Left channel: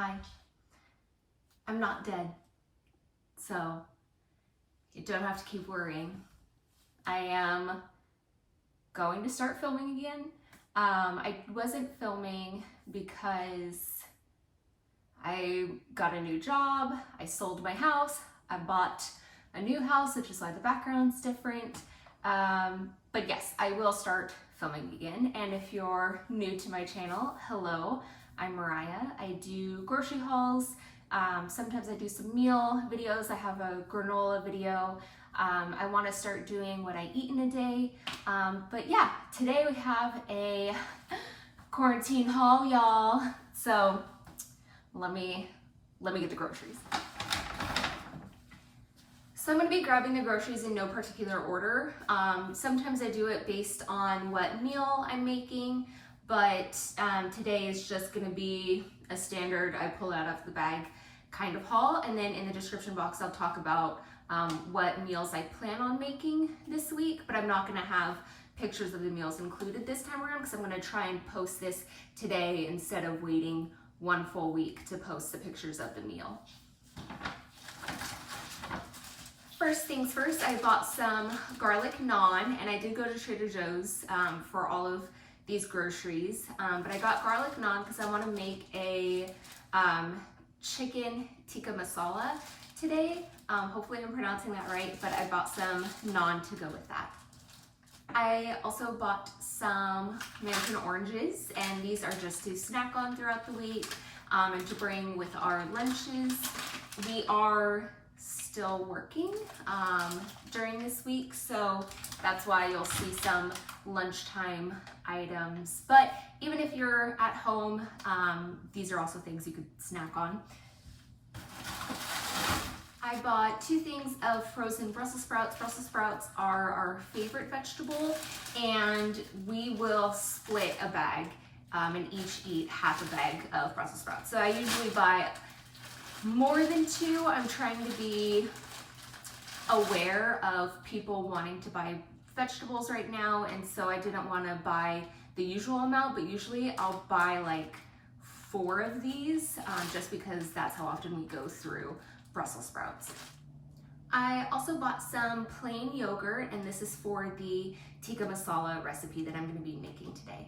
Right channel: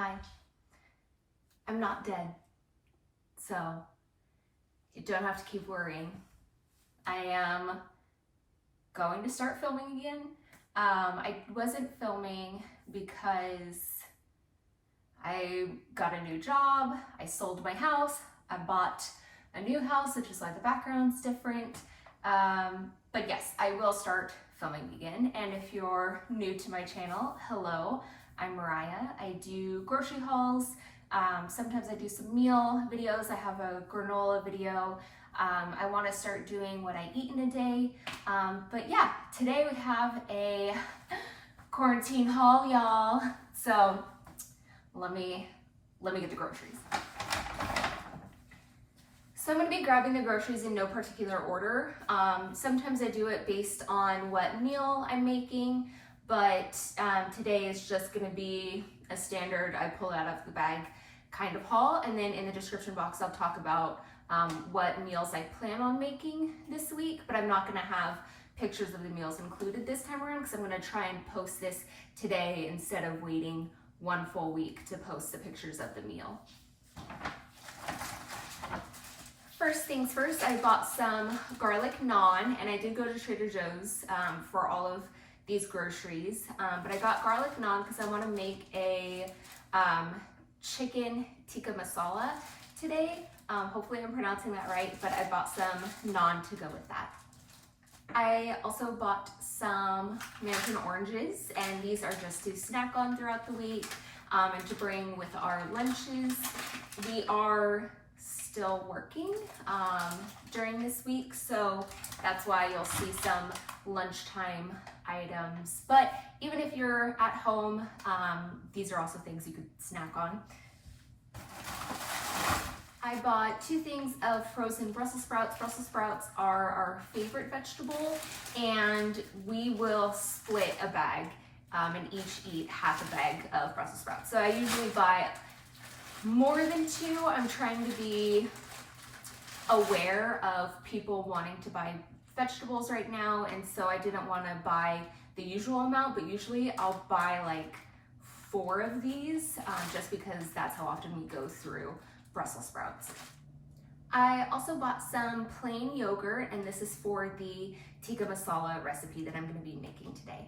Hi. I'm not dead, so you don't have to keep worrying. I am going to start filming again. I wasn't filming because I got a new job, I sold my house, I bought a new house, which is why the background's different. But yes, I will start filming again. And if you're new to my channel, hello, I'm Mariah. I do grocery hauls. Sometimes I do some meal videos. I have a granola video. I want to start doing what I eat in a day. But yeah, today we have a quarantine haul, y'all. So let me get the groceries. So I'm going to be grabbing the groceries in no particular order. Sometimes I do it based on what meal I'm making, but today is just going to be a standard I pull out of the bag kind of haul. And then in the description box, I'll talk about what meals I plan on making this week, but I'm not going to have pictures of the meals included this time around because I'm going to try and post this today instead of waiting one full week to post the pictures of the meal. First things first, I bought some garlic naan, and I did go to Trader Joe's for all of these groceries, but I got garlic naan because I want to make a chicken tikka masala today. Hopefully I'm pronouncing that right, but I bought some naan to go with that. I also bought some mandarin oranges, and these are just to snack on throughout the week and to bring with our lunches. We are still working during this week, so that's why you'll see some lunchtime items. But even if you're at home, these are also things you could snack on. I bought 2 things of frozen Brussels sprouts. Brussels sprouts are our favorite vegetable, and we will split a bag and each eat half a bag of Brussels sprouts. So I usually buy more than 2. I'm trying to be aware of people wanting to buy vegetables right now, and so I didn't want to buy the usual amount, but usually I'll buy like 4 of these just because that's how often we go through Brussels sprouts. I also bought some plain yogurt, and this is for the tikka masala recipe that I'm going to be making today.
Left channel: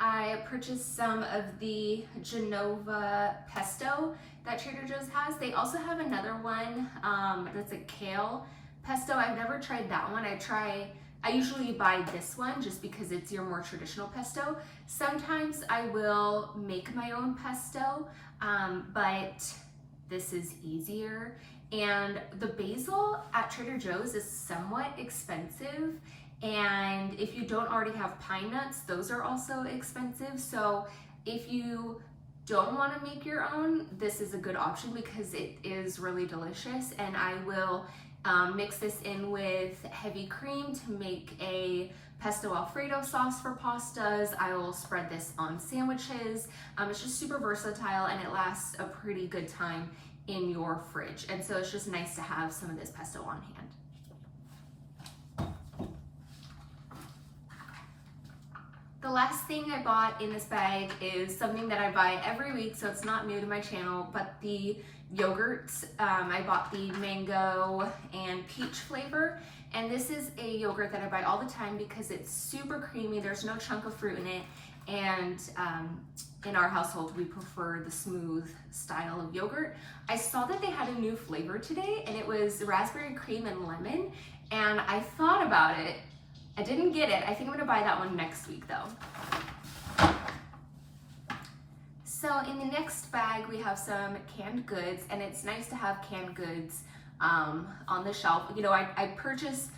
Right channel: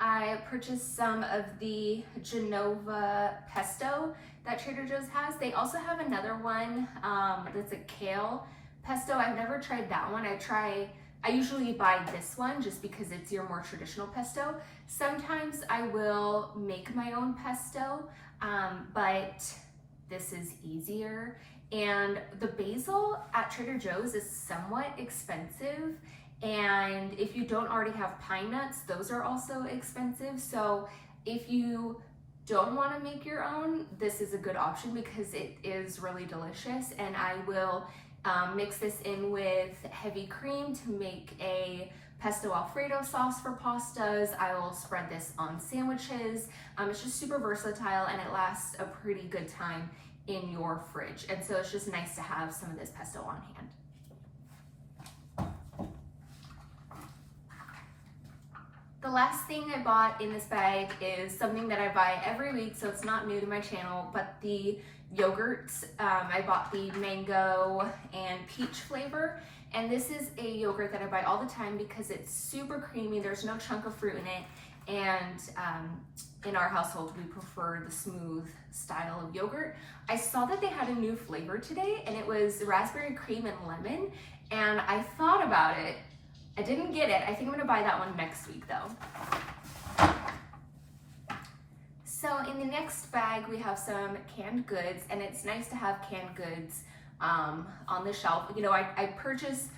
I purchased some of the Genova pesto that Trader Joe's has. They also have another one that's a kale pesto. I've never tried that one. I usually buy this one just because it's your more traditional pesto. Sometimes I will make my own pesto, but this is easier. And the basil at Trader Joe's is somewhat expensive. And if you don't already have pine nuts, those are also expensive. So if you don't want to make your own, this is a good option because it is really delicious. And I will mix this in with heavy cream to make a pesto alfredo sauce for pastas. I will spread this on sandwiches. It's just super versatile, and it lasts a pretty good time in your fridge. And so it's just nice to have some of this pesto on hand. The last thing I bought in this bag is something that I buy every week, so it's not new to my channel, but the yogurts. I bought the mango and peach flavor, and this is a yogurt that I buy all the time because it's super creamy. There's no chunk of fruit in it, and in our household we prefer the smooth style of yogurt. I saw that they had a new flavor today, and it was raspberry cream and lemon, and I thought about it. I didn't get it. I think I'm gonna buy that one next week though. So in the next bag, we have some canned goods, and it's nice to have canned goods on the shelf. You know, I purchase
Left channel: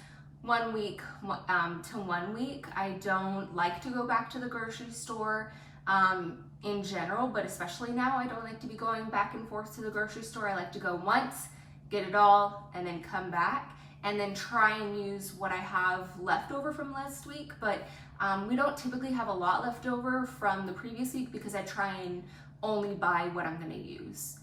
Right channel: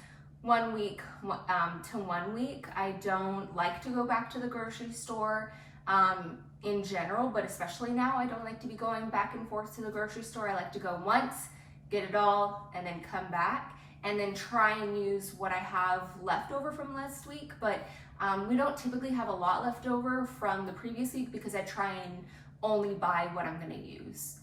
1 week to 1 week. I don't like to go back to the grocery store in general, but especially now, I don't like to be going back and forth to the grocery store. I like to go once, get it all, and then come back, and then try and use what I have left over from last week. But we don't typically have a lot left over from the previous week because I try and only buy what I'm gonna use.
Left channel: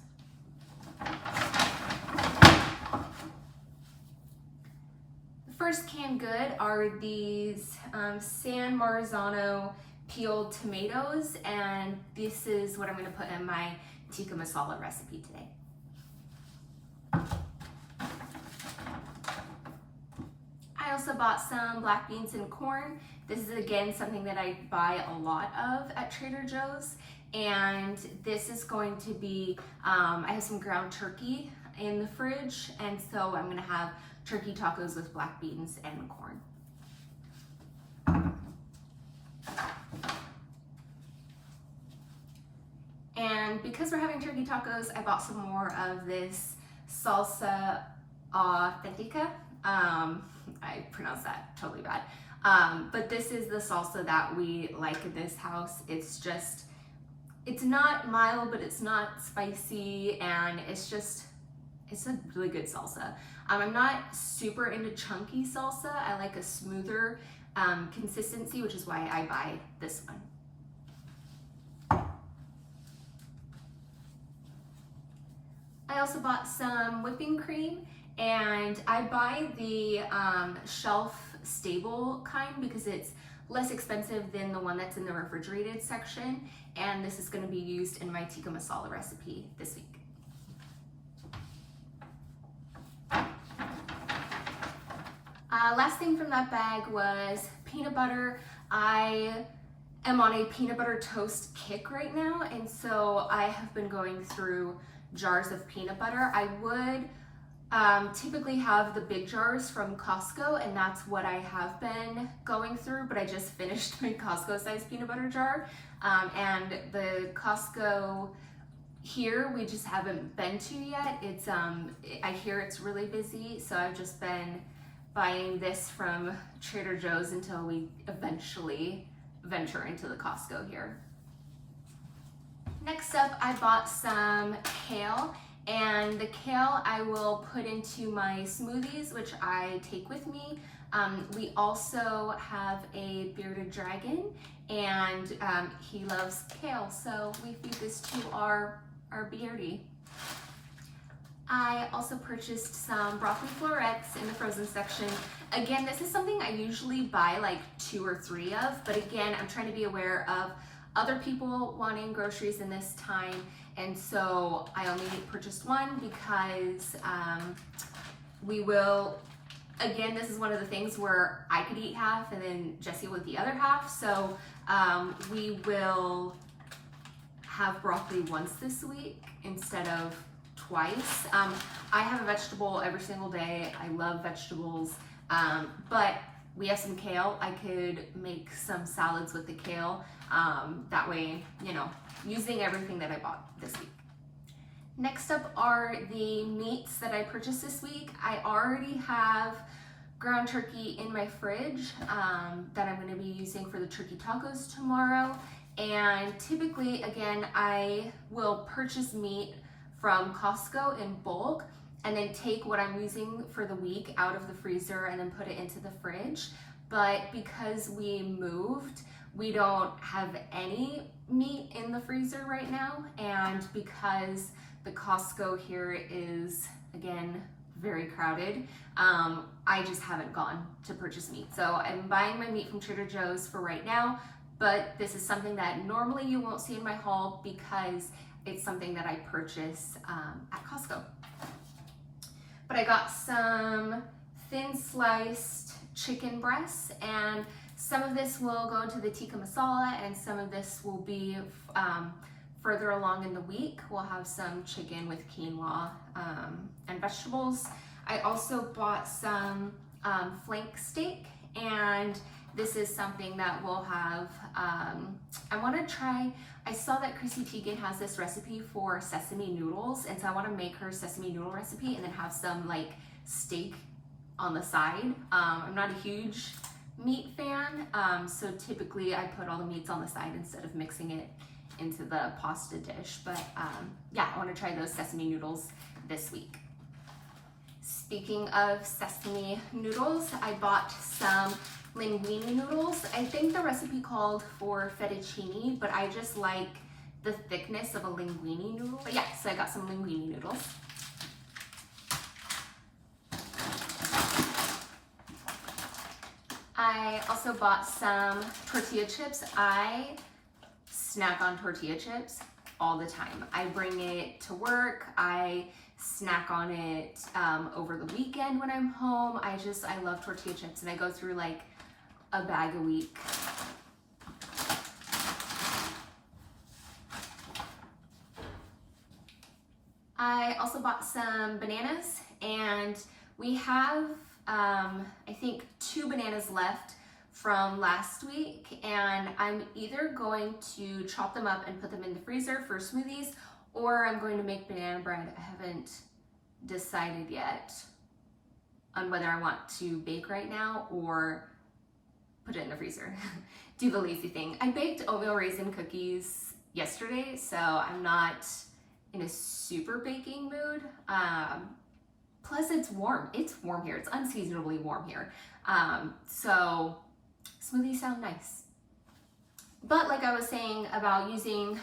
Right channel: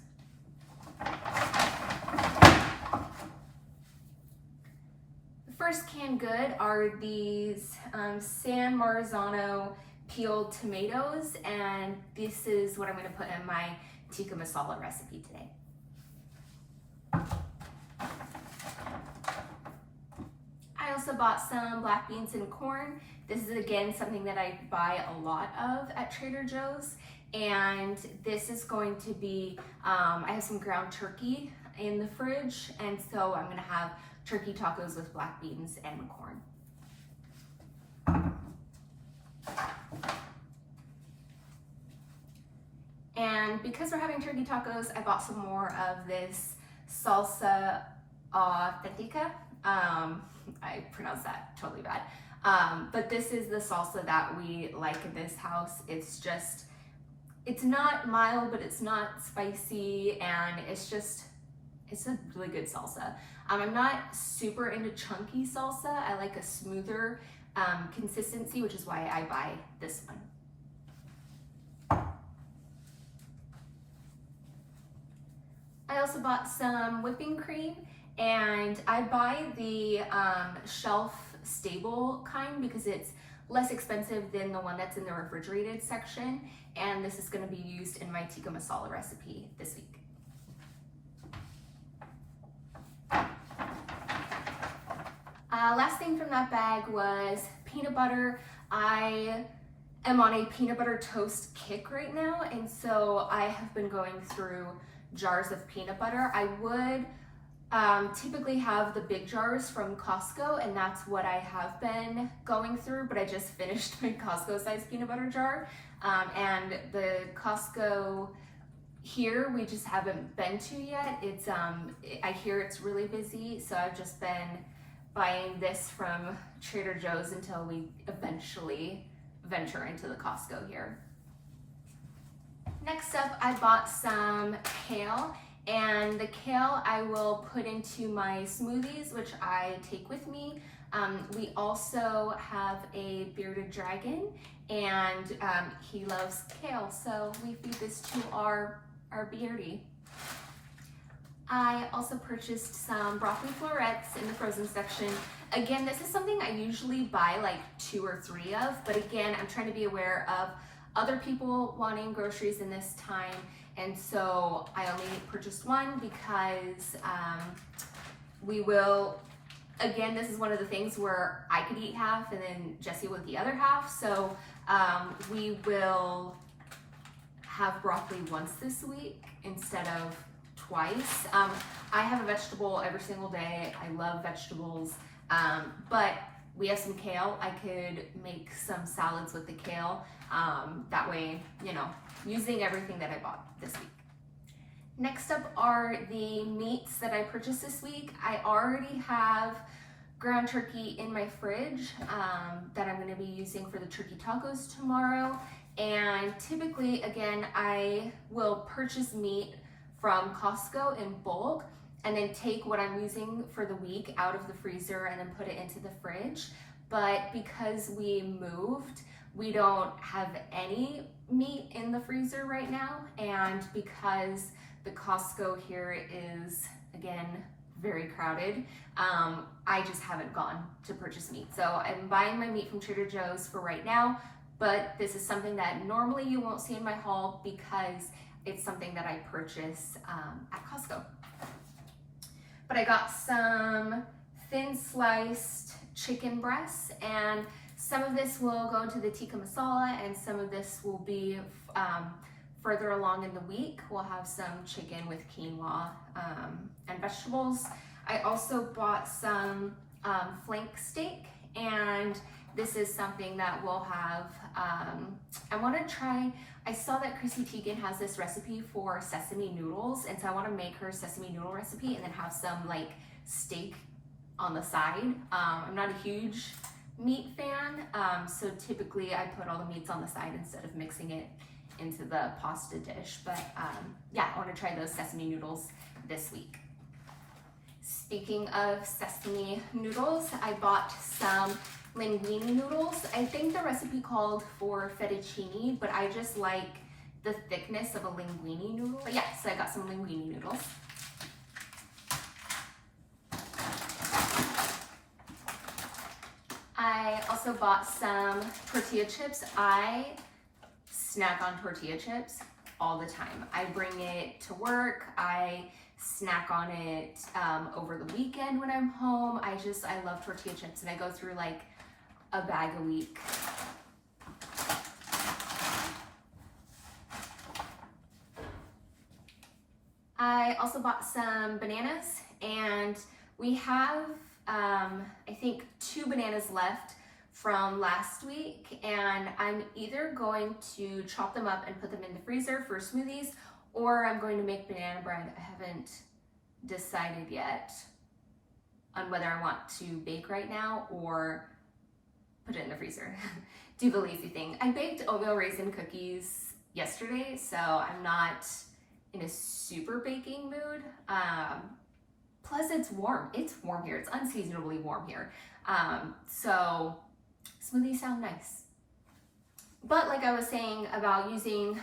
The first canned good are these San Marzano peeled tomatoes, and this is what I'm going to put in my tikka masala recipe today. I also bought some black beans and corn. This is again something that I buy a lot of at Trader Joe's, and this is going to be, I have some ground turkey in the fridge, and so I'm going to have turkey tacos with black beans and corn. And because we're having turkey tacos, I bought some more of this salsa authentica. I pronounced that totally bad. But this is the salsa that we like in this house. It's just, it's not mild, but it's not spicy, and it's a really good salsa. I'm not super into chunky salsa. I like a smoother consistency, which is why I buy this one. I also bought some whipping cream, and I buy the shelf stable kind because it's less expensive than the one that's in the refrigerated section, and this is going to be used in my tikka masala recipe this week. Last thing from that bag was peanut butter. I am on a peanut butter toast kick right now, and so I have been going through jars of peanut butter. I would typically have the big jars from Costco, and that's what I have been going through, but I just finished my Costco size peanut butter jar, and the Costco here we just haven't been to yet. It's I hear it's really busy, so I've just been buying this from Trader Joe's until we eventually venture into the Costco here. Next up, I bought some kale, and the kale I will put into my smoothies, which I take with me. We also have a bearded dragon, and he loves kale, so we feed this to our beardy. I also purchased some broccoli florets in the frozen section. Again, this is something I usually buy like 2 or 3 of, but again, I'm trying to be aware of other people wanting groceries in this time, and so I only purchased one because we will, again, this is one of the things where I could eat half and then Jesse would the other half, so we will have broccoli once this week instead of twice. I have a vegetable every single day. I love vegetables, but we have some kale. I could make some salads with the kale. That way, you know, using everything that I bought this week. Next up are the meats that I purchased this week. I already have ground turkey in my fridge that I'm going to be using for the turkey tacos tomorrow. And typically, again, I will purchase meat from Costco in bulk and then take what I'm using for the week out of the freezer and then put it into the fridge. But because we moved, we don't have any meat in the freezer right now, and because the Costco here is, again, very crowded, I just haven't gone to purchase meat. So I'm buying my meat from Trader Joe's for right now, but this is something that normally you won't see in my haul because it's something that I purchase at Costco. But I got some thin sliced chicken breasts, and some of this will go into the tikka masala and some of this will be further along in the week. We'll have some chicken with quinoa and vegetables. I also bought some flank steak, and this is something that we'll have, I want to try, I saw that Chrissy Teigen has this recipe for sesame noodles, and so I want to make her sesame noodle recipe and then have some like steak on the side. I'm not a huge meat fan, so typically I put all the meats on the side instead of mixing it into the pasta dish, but yeah, I want to try those sesame noodles this week. Speaking of sesame noodles, I bought some linguine noodles. I think the recipe called for fettuccine, but I just like the thickness of a linguine noodle. But yeah, so I got some linguine noodles. I also bought some tortilla chips. I snack on tortilla chips all the time. I bring it to work. I snack on it over the weekend when I'm home. I love tortilla chips, and I go through like a bag a week. I also bought some bananas, and we have I think 2 bananas left from last week, and I'm either going to chop them up and put them in the freezer for smoothies, or I'm going to make banana bread. I haven't decided yet on whether I want to bake right now or put it in the freezer. Do the lazy thing. I baked oatmeal raisin cookies yesterday, so I'm not in a super baking mood. Plus it's warm. It's warm here. It's unseasonably warm here. So smoothies sound nice. But like I was saying about using,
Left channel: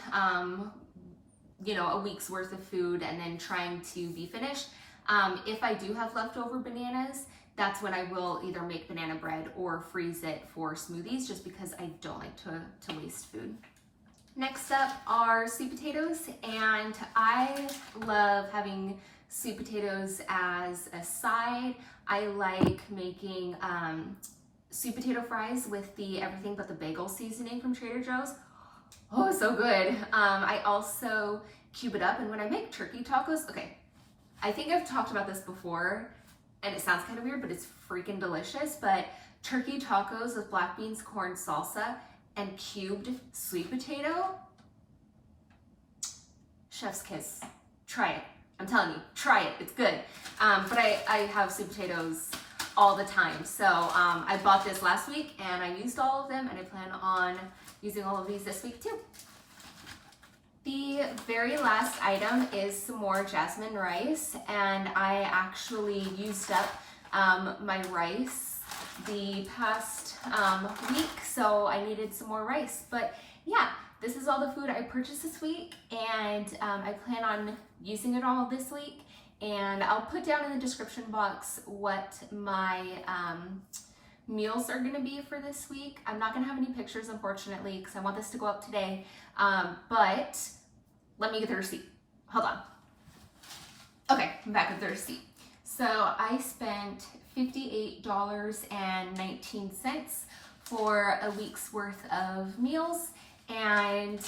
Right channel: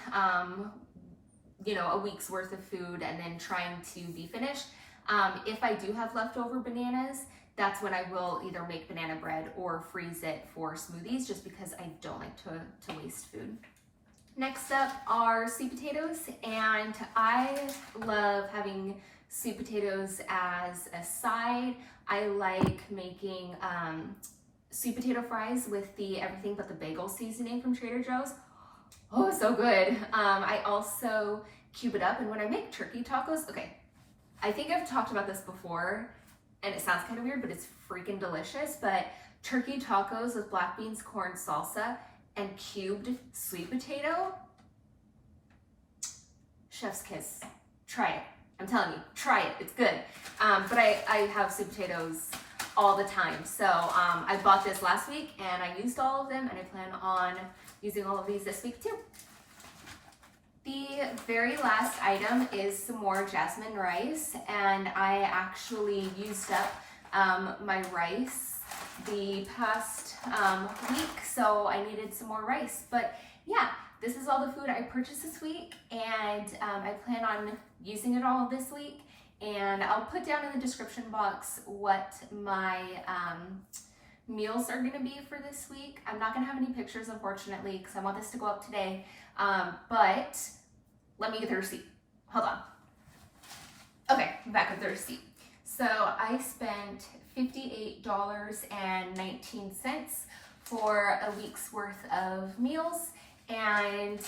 a week's worth of food and then trying to be finished, if I do have leftover bananas, that's when I will either make banana bread or freeze it for smoothies, just because I don't like to waste food. Next up are sweet potatoes, and I love having sweet potatoes as a side. I like making sweet potato fries with the everything but the bagel seasoning from Trader Joe's. Oh, so good. I also cube it up, and when I make turkey tacos, okay, I think I've talked about this before, and it sounds kind of weird, but it's freaking delicious. But turkey tacos with black beans, corn, salsa, and cubed sweet potato, chef's kiss. Try it. I'm telling you, try it. It's good. But I have sweet potatoes all the time. So I bought this last week, and I used all of them, and I plan on using all of these this week too. The very last item is some more jasmine rice, and I actually used up my rice the past week, so I needed some more rice. But yeah, this is all the food I purchased this week, and I plan on using it all this week. And I'll put down in the description box what my meals are gonna be for this week. I'm not gonna have any pictures, unfortunately, because I want this to go up today. But let me get the receipt. Hold on. Okay, I'm back with the receipt. So I spent $58.19 for a week's worth of meals, and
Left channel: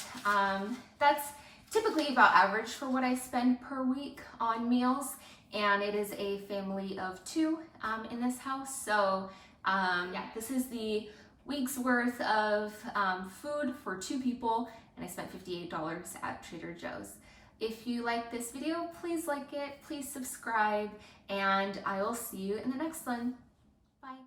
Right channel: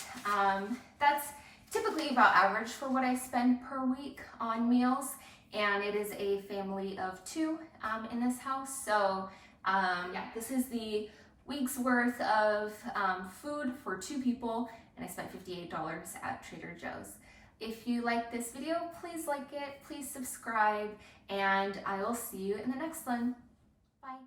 that's typically about average for what I spend per week on meals, and it is a family of 2 in this house. So yeah, this is the week's worth of food for 2 people, and I spent $58 at Trader Joe's. If you like this video, please like it, please subscribe, and I will see you in the next one. Bye.